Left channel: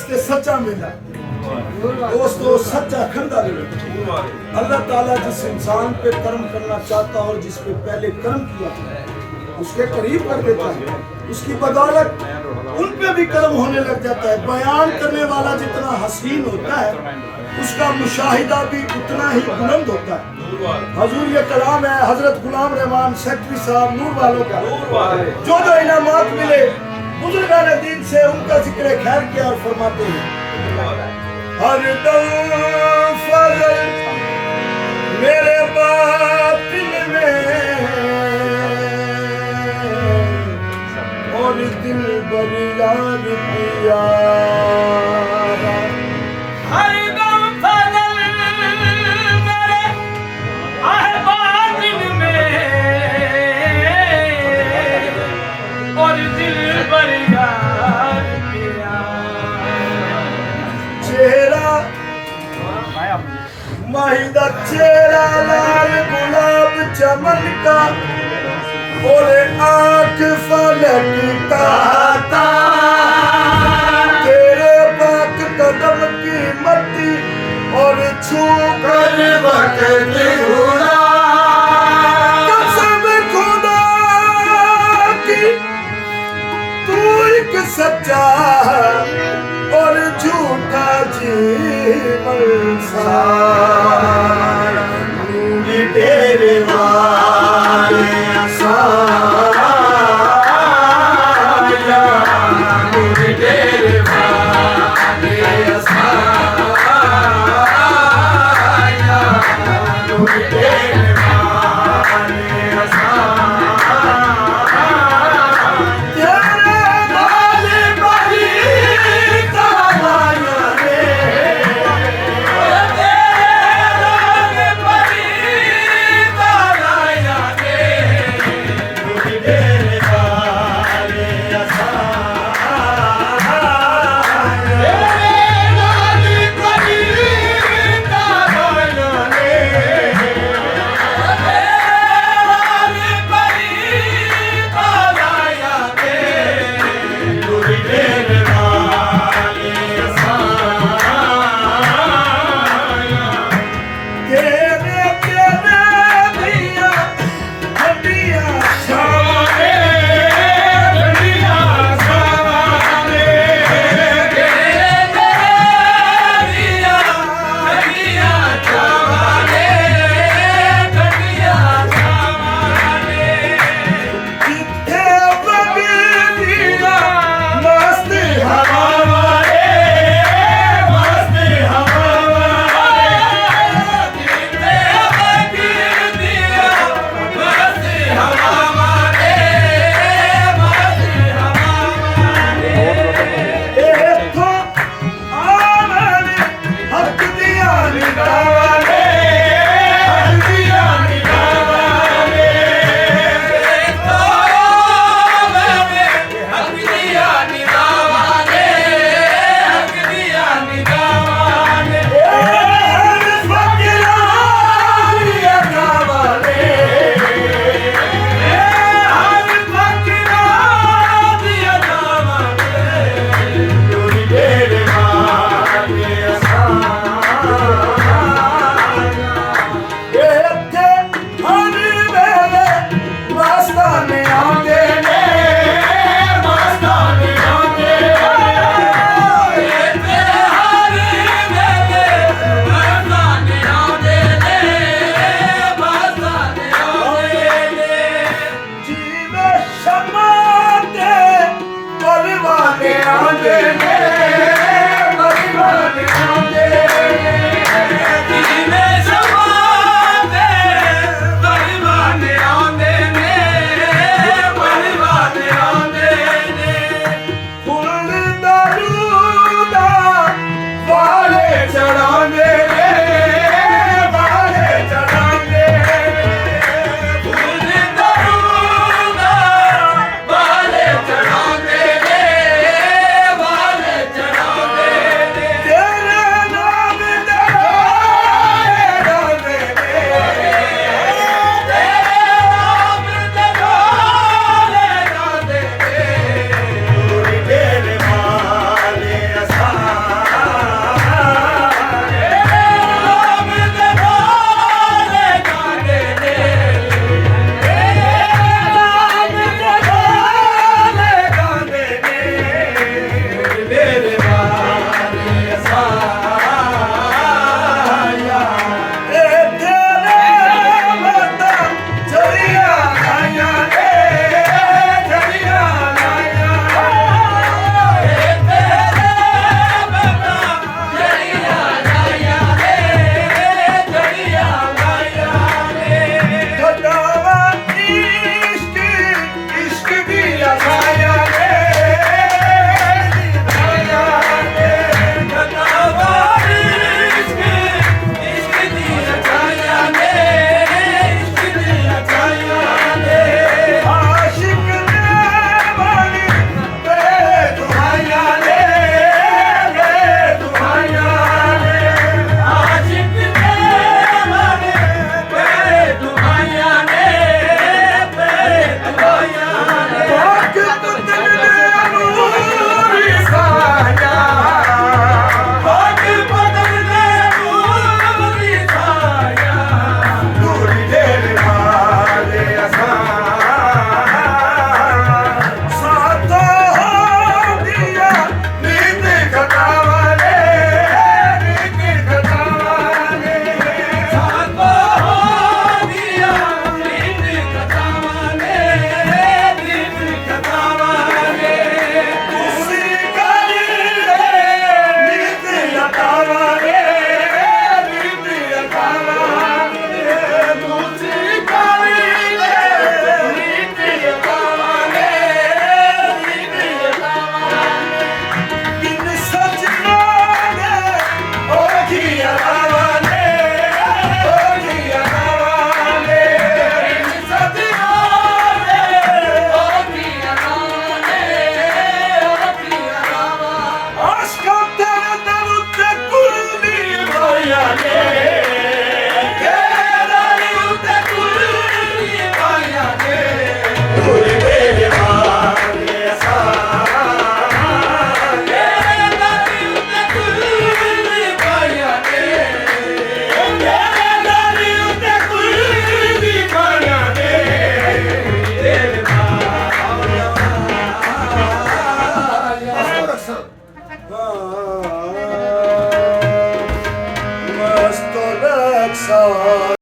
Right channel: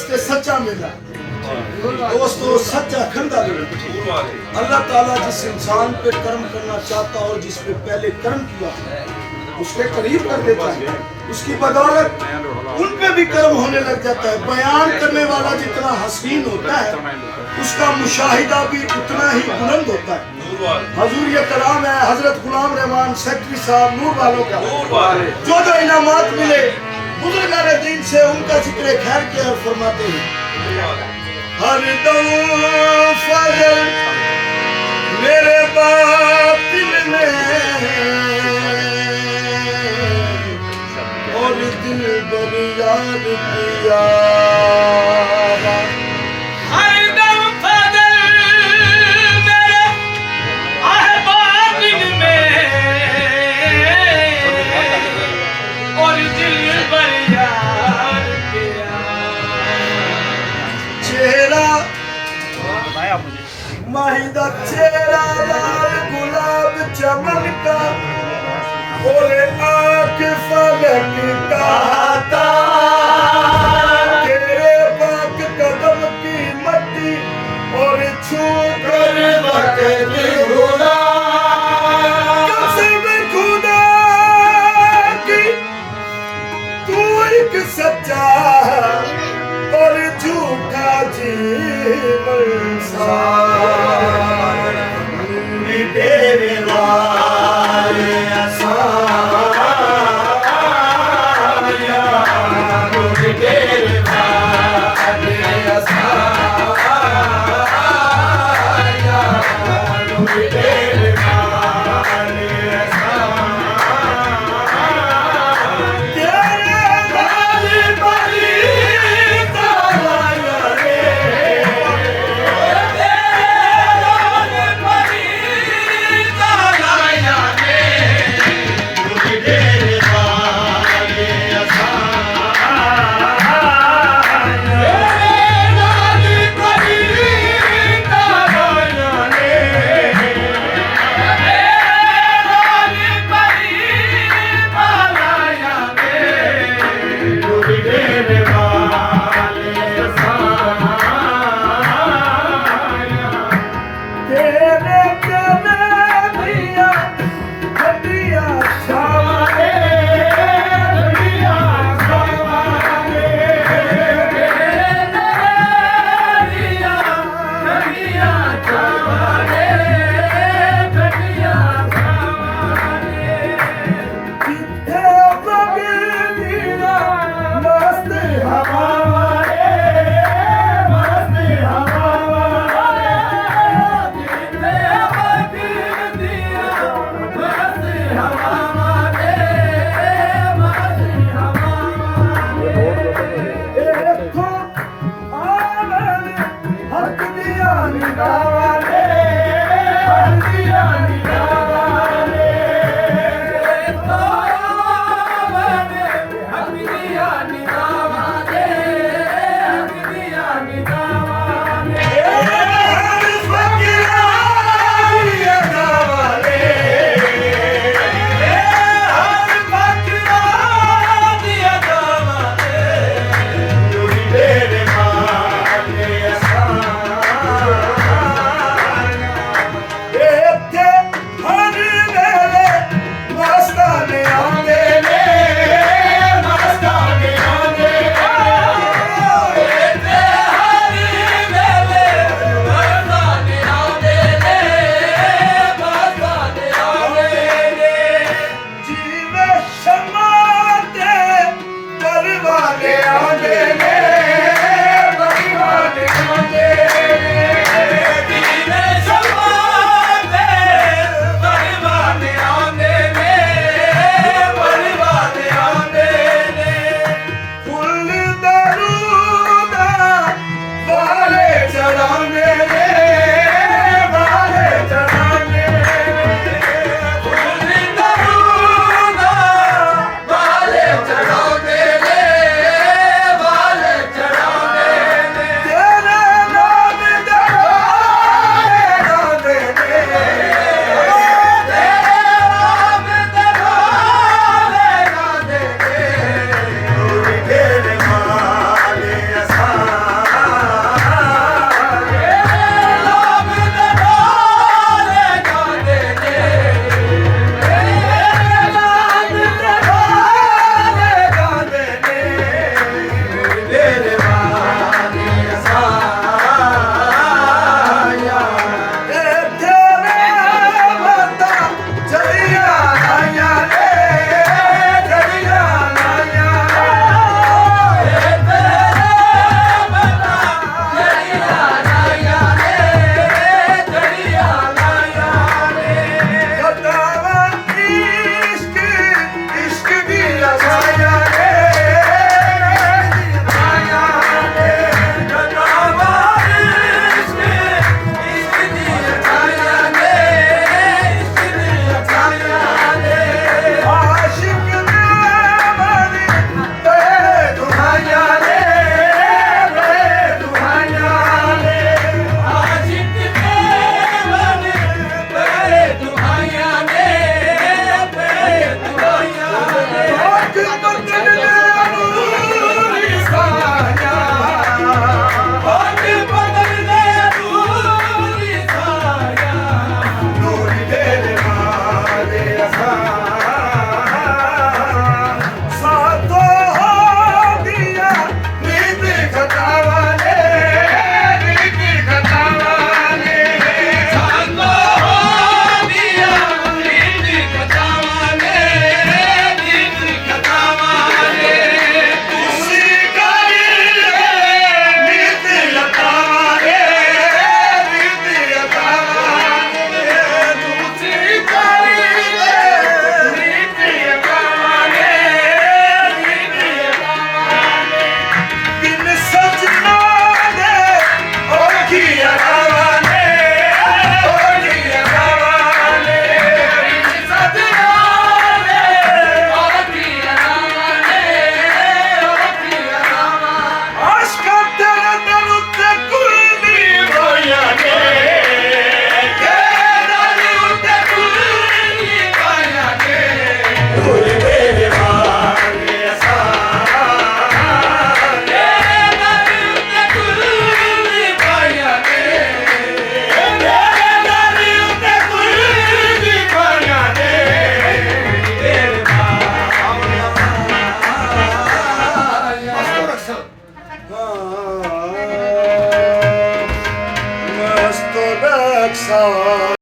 दोस्त सच्चा मिला, दोस्तों सच्चा खंदा मिला। अल्लाह ताला जिस इंसान पे कर्म करना चाहता हो, जिस पे पहले कर्म किया उसके करीब कर देता है, उसकी बदौलत उन पे भी कर्म होने लग जाता है। बयान करने वाला जितना हसीन होता है उसका मुशाहिदा भी उतना ही बुलंद होता है। हजूर ये कलाम है हजरत गुलाम रहमान सेक्रेटरी साहब नूर वालों का, जो इनामात मिले बुजुर्गान दीन से, उनका जिक्र खैर किया और फरमाते हैं हर दम फजल मेरे बातिल में और दिल बरियार किया। हर दम फजल मेरे बातिन में और दिल पर यार किया। चेहरा माहिदा चेहरा लाल गुलाब चमन का और आँख फलक का, तेरे पाक कदम की मट्टी और छू कर वक्त घुरा। कसम खुदा की तू एक सच्चा और झूठा जीवन सारा तेरे वाले Yeah.